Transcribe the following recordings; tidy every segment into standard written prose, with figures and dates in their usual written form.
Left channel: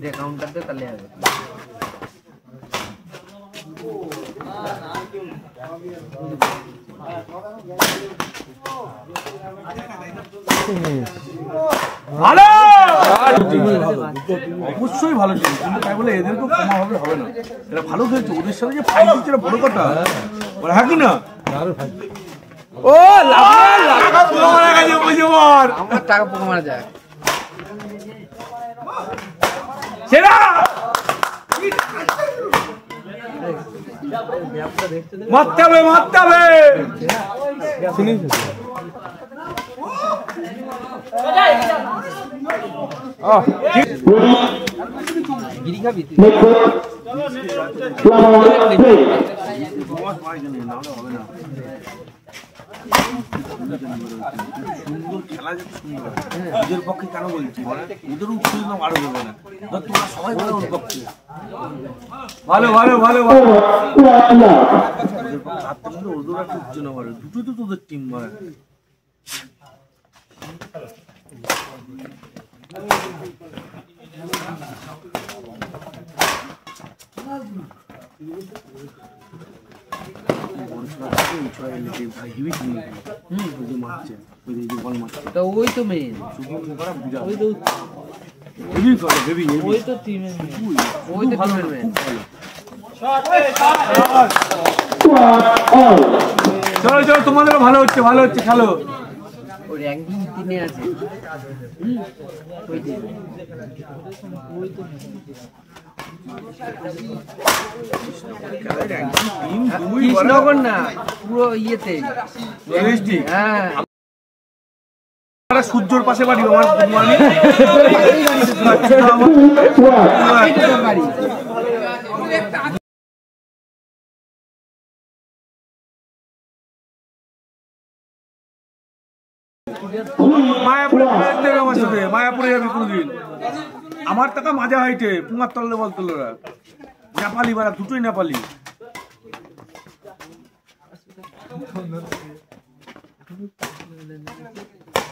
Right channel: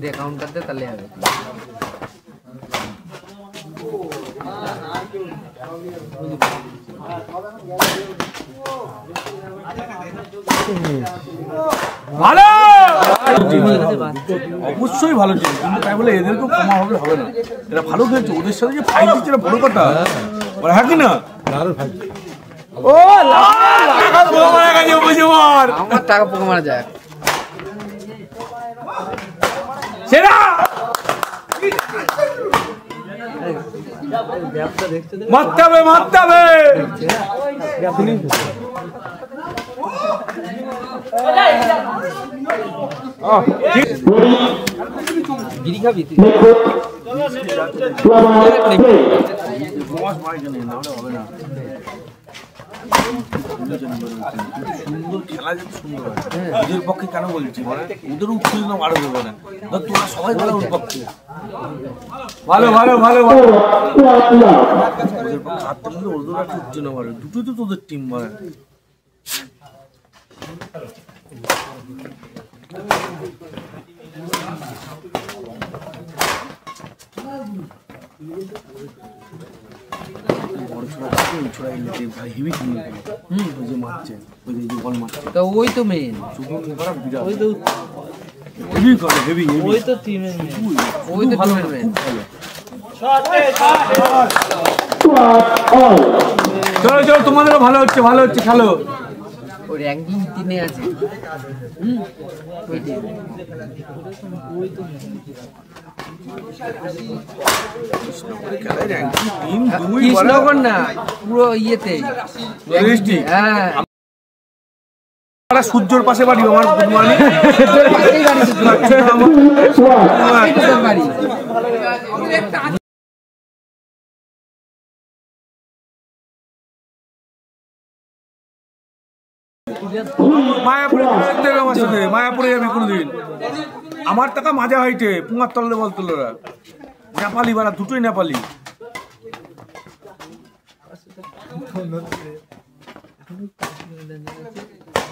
দে counter দে তাহলে হবে। ভালো অবশ্যই ভালো ছিল, কিন্তু তাই বলে এদেরকে কমা হবে না। এরা ভালো খেলছে, ওদের সাথে যে ফাইট দিচ্ছে বড় কথা, হ্যাঁ কি না? ও আমার টাকা পোকা মারা যায় সেটা মারতে হবে, মারতে হবে। বিড়ি খাবি তুই? ওদের পক্ষে কেন বলছি, ওদের উত্তেজনা আরো হবে না, তোমরা সবাই পক্ষে ভালো ভালো ভালো ওদের পক্ষে হারতে পারলে ওদের একটা উত্তেজনা বাড়ে, দুটো তো তোদের টিম বাড়ে। ওই তো মেন, ওই তো ওই তো টিমের মেন, ওই তো টিমের মেন। চলো চলো, তোমাদের ভালো হচ্ছে, ভালো হচ্ছে, খেলো। ওই র্যাঙ্কিং 3 এ আছে। ওই টিম কৃষ্ণগর না, পুরো ইয়েতে হ্যাঁ। সূর্যর পাশে বাড়ি, আমার গাড়ি মায়াপুরে আমার সাথে, মায়াপুরে যাবি কোনোদিন? আমার টাকা মাঝে হাইটে পুঙার তললে বলতো ওরা, নেপালি বাড়া, দুটোই নেপালি।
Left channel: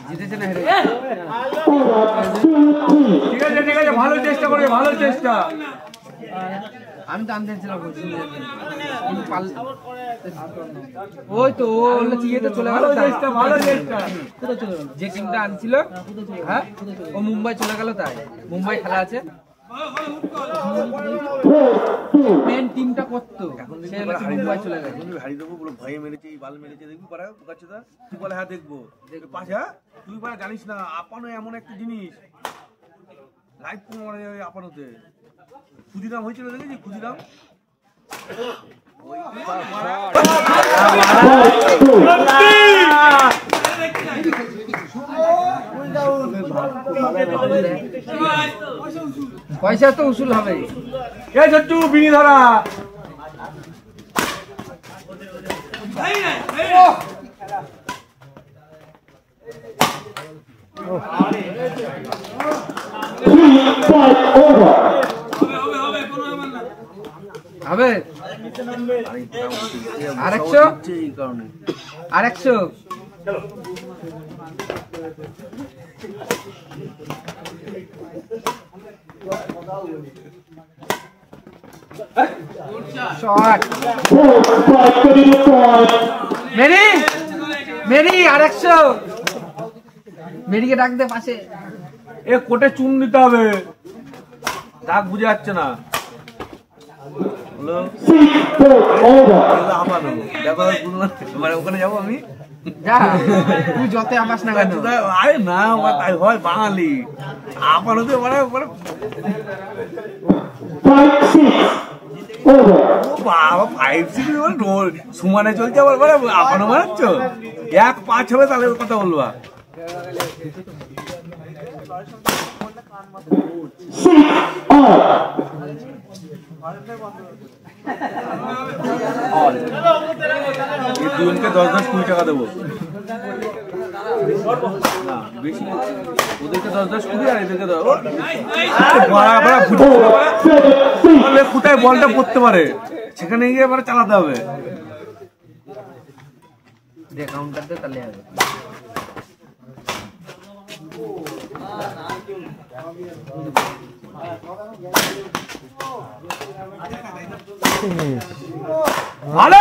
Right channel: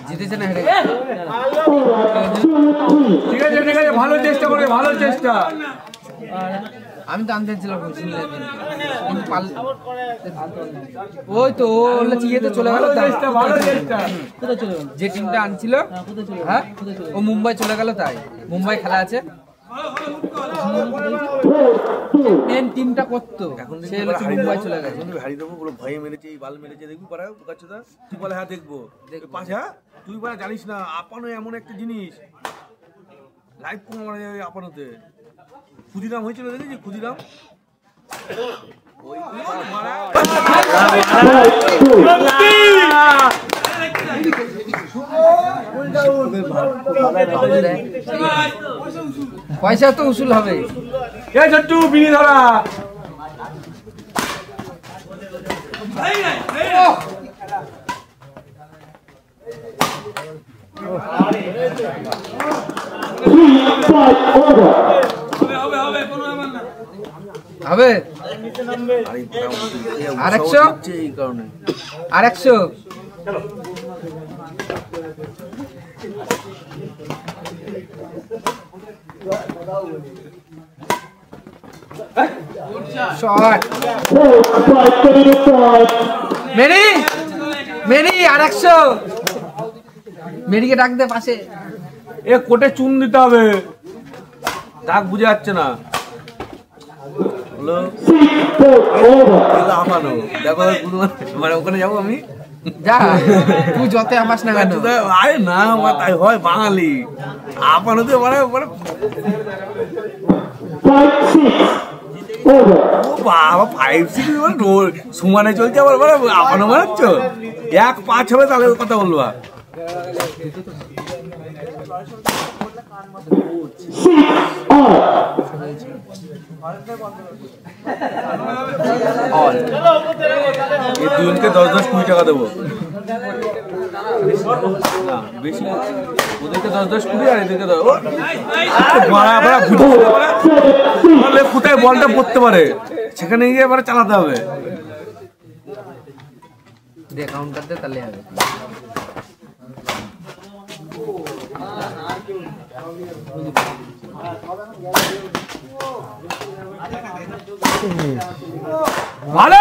জিতেছে না হেরে? ঠিক আছে ঠিক আছে, ভালো চেষ্টা করবে, ভালো চেষ্টা। আমি তো আনতে ছিলাম, ওই তো ইয়েতে চলে গেল, যে টিমটা আনছিল হ্যাঁ ও মুম্বাই চলে গেল, তাই মুম্বাই খেলা আছে, মেন টিমটা করতো, সে মুম্বাই চলে গেছে। হারিয়ে দেবো বলে ভয়ে মেরেছে, বাল মেরেছে, দেখবি পারা বুকাচ্ছদা, তুই বলে হ্যাঁ দেখবো পাঁচ, হ্যাঁ তুই বলে জানিস না আপানো এমন একটা জিনিস, লাইভ কোনো মারা যাবে আপানোতে। ক্ষুদিরাম হয়েছিল, দেখেছি ক্ষুদিরাম, পয়সা তো উসুল হবে। ছোট্টু বিড়ি ধরা, হবে আরেকশো, আরেকশো শট মেরি, মেরি আরেকশো, মেরিকে ডাক দে পাশে। এ কোটে চুন দিতে হবে, দাগ বুঝে যাচ্ছে না। ওখানে যাবো আমি, যা তুই যত আমাস না কেন, আরে না তাই হয় বাঙালি আপানোতে বাবা 5-6 সমানে চলছে, আবার আপানো মারাচ্ছ, 1-5 হবে তাহলে কথা বলবো। এই দুজনকে 10-10-20 টাকা দেবো, বেশি ওদেরকে 10-10-20 আর এদেরকে কোথায় বলটা পড়তে পারে সেখানে গিয়ে এবারে চালাতে হবে। কাউন্টার দে তাহলে হবে। ভালো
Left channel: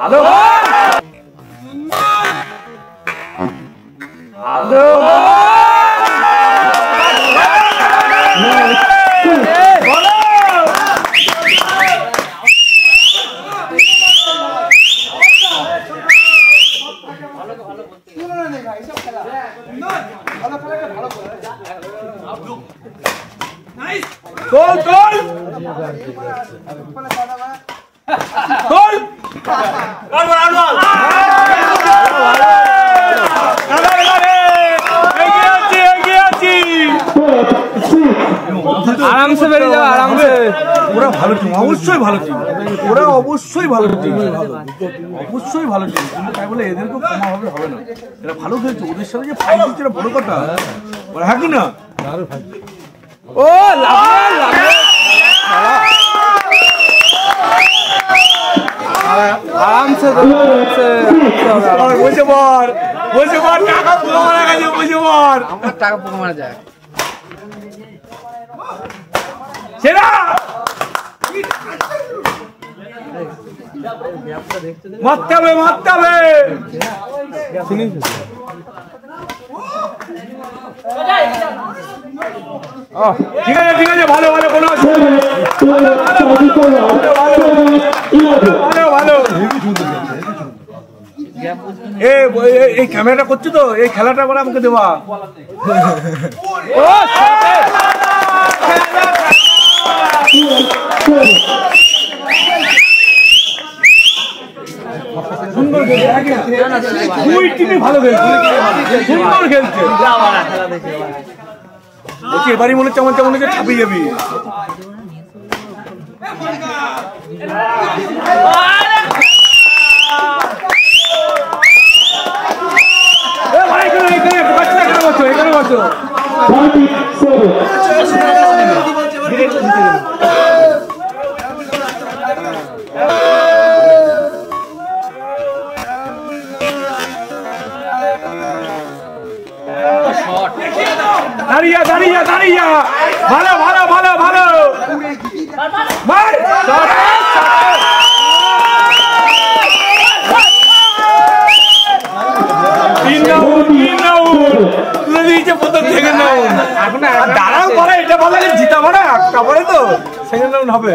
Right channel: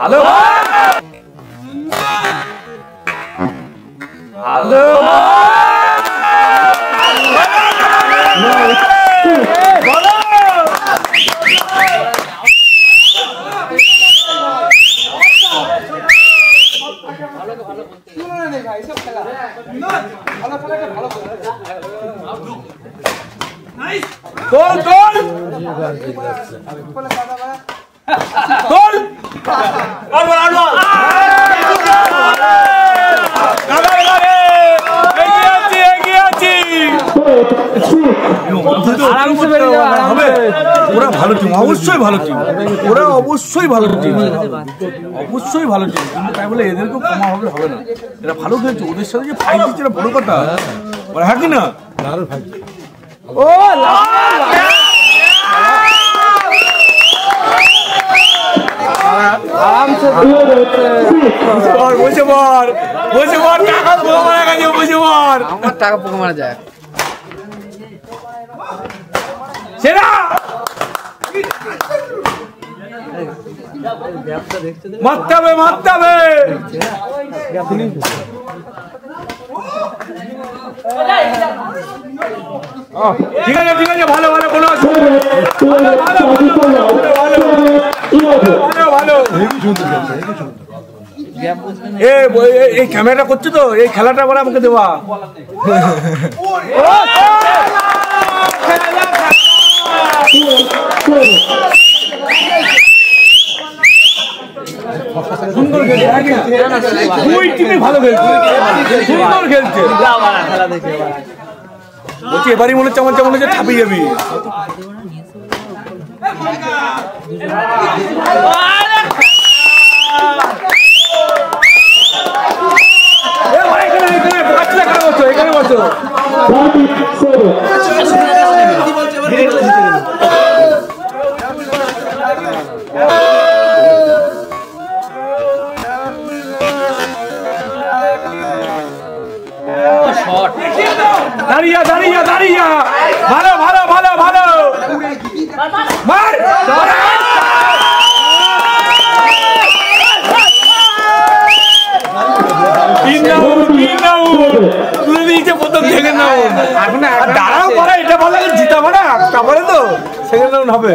হ্যালো হ্যালো গোল গোল গোল আরবাল আরবাল আরামসে বেরিয়ে যাবে আরামসে। ওরা ভালো টিম, অবশ্যই ভালো টিম, ওরা অবশ্যই ভালো টিম, অবশ্যই ভালো টিম, কিন্তু তাই বলে এদেরকেও কমা হবে হবে না। এরা ভালো খেলছে, ওদের সাথে যে ফাইট দিচ্ছে এটা বড় কথা। ওরা হ্যাঁ কি না? ও আরামসে বসে পড়, বসে পড়, টাকা পোকা মারা গেছে, বসে পড়। আমার টাকা পোকা মারা যায়। সেরা মারতে হবে, মারতে হবে। ঠিক আছে ঠিক আছে, ভালো ভালো কোনো ভালো ভালো। এই ক্যামেরাটা করছে তো, এই খেলাটা আবার আমাকে দেওয়া। সুন্দর খেলছে, দুই টিমই ভালো খেলছে, সুন্দর খেলছে। বলছি এবারই মনে হচ্ছে আমার যেমন হচ্ছে ছাপিয়ে যাবি। এখানে বসো। দাঁড়িয়ে দাঁড়িয়ে দাঁড়িয়ে ভালো ভালো ভালো ভালো মার তুলে দিয়েছে প্রথম সেকেন্ড রাউন্ড। দাঁড়াও পরে এটা ভালো জিতাবো না, তারপরে তো সেকেন্ড রাউন্ড হবে।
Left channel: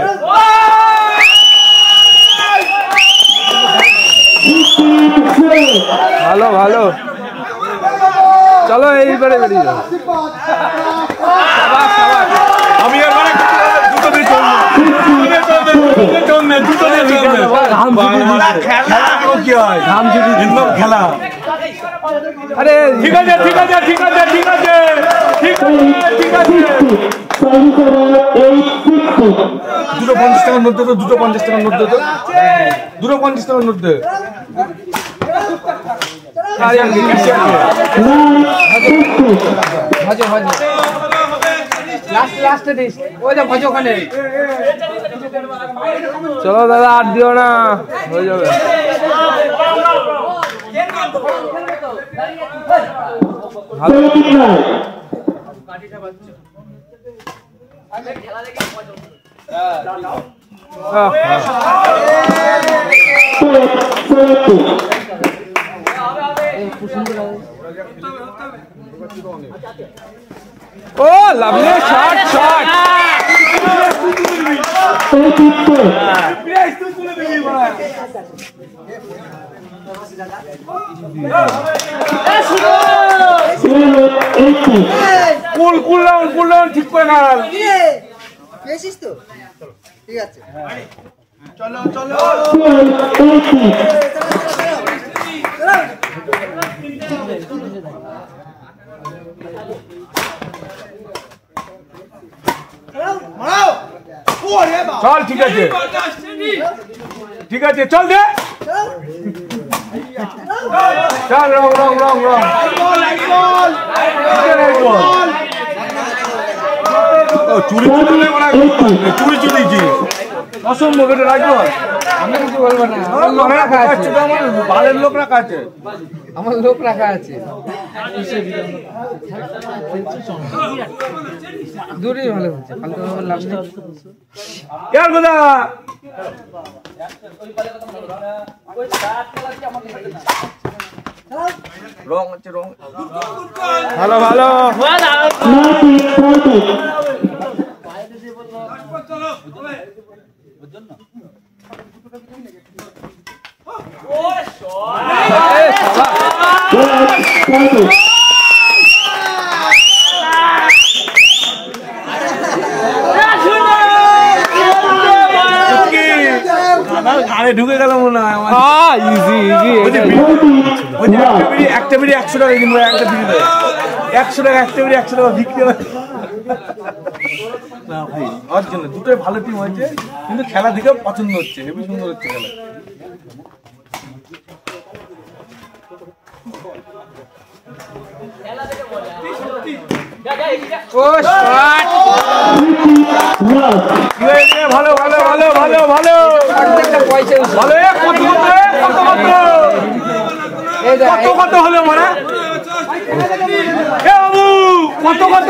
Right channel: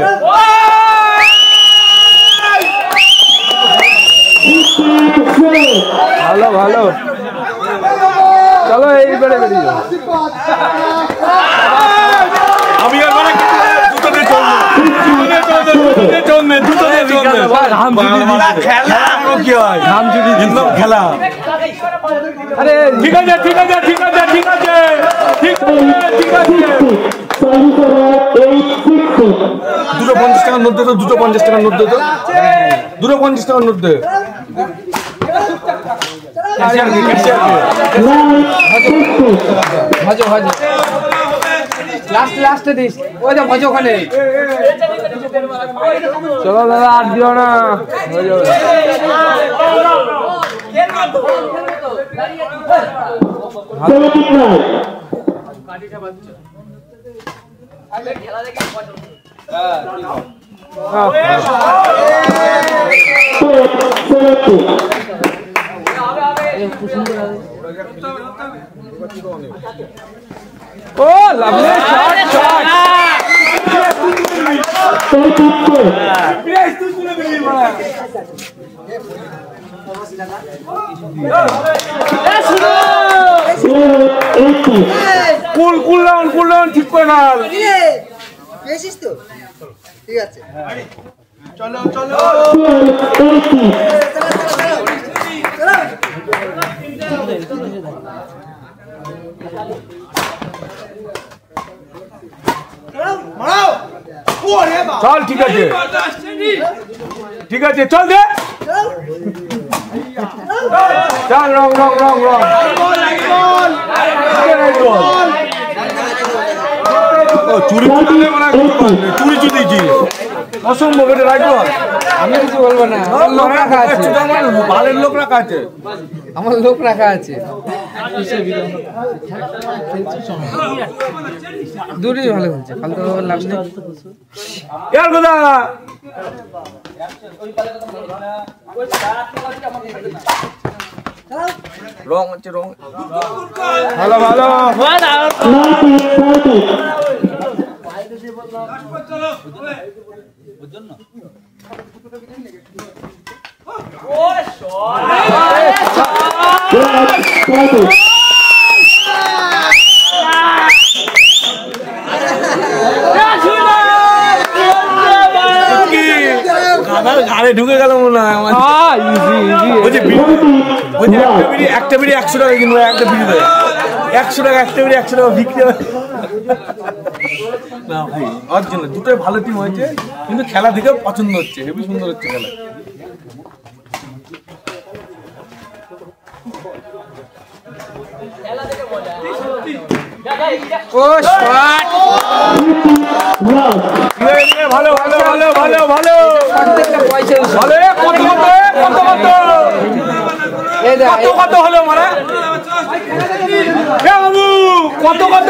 ভালো ভালো, চলো এইবারে বেরিয়ে যাও। আমি এবারে দুটো দিয়ে চলবে খেলা কি হয়, খেলা। আরে ঠিক আছে ঠিক আছে ঠিক আছে ঠিক আছে ঠিক আছে। 250 টাকার নোট দে তো, 250 টাকার নোট দে তো, 250 টাকার নোট দে। ভাজো ভাজো লাস্টে দিস, ও যা ভাজো ওখানে। চলো দাদা আর দিও না, হয়ে যাবে। Oh lovely shot shot. Cool down ঠিক করে না। পেয়েছিস তো? ঠিক আছে, চলো চলো চল ঠিক আছে ঠিক আছে, চল দে চল। রং রং রং রং চুরি চুরি চুরি চুরিছি অসম্ভব, এটা রাখবো। আমি কিছু বলবো না, আমার লোক রাখা আছে, বালের লোক রাখা আছে। আমার লোক রাখা আছে। দূরই ভালো খেলছে, ফালতু ভাবে লাভ নেই। এর কথা রং হচ্ছে রং ভালো ভালো ঘাড়ে ঢুকে গেল মনে হয় আমার। একটা বিড়ি 100 টাকা কিনবো, একটা বিড়ি দেয় 100 টাকা, একটা বিড়ি 100 টাকা বিক্রি হয় না ভাই। ওর জন্য দুটোই ভালো টিম হয়েছে, কিন্তু খেলা দেখে পছন্দ হচ্ছে, হেবি সুন্দর হচ্ছে খেলা। ভালো ভালো ভালো ভালো ভালো কত হলো মানে বাবু কত কত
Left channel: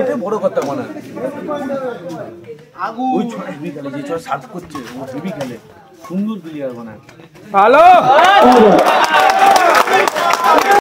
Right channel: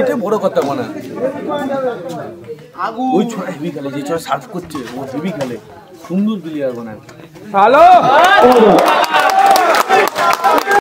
এটা বড় কথা মনে ওই ছোট হেভি খেলে, যে ছোট সার্ভ করছে ও হেভি খেলে, সুন্দর প্লেয়ার মনে ভালো।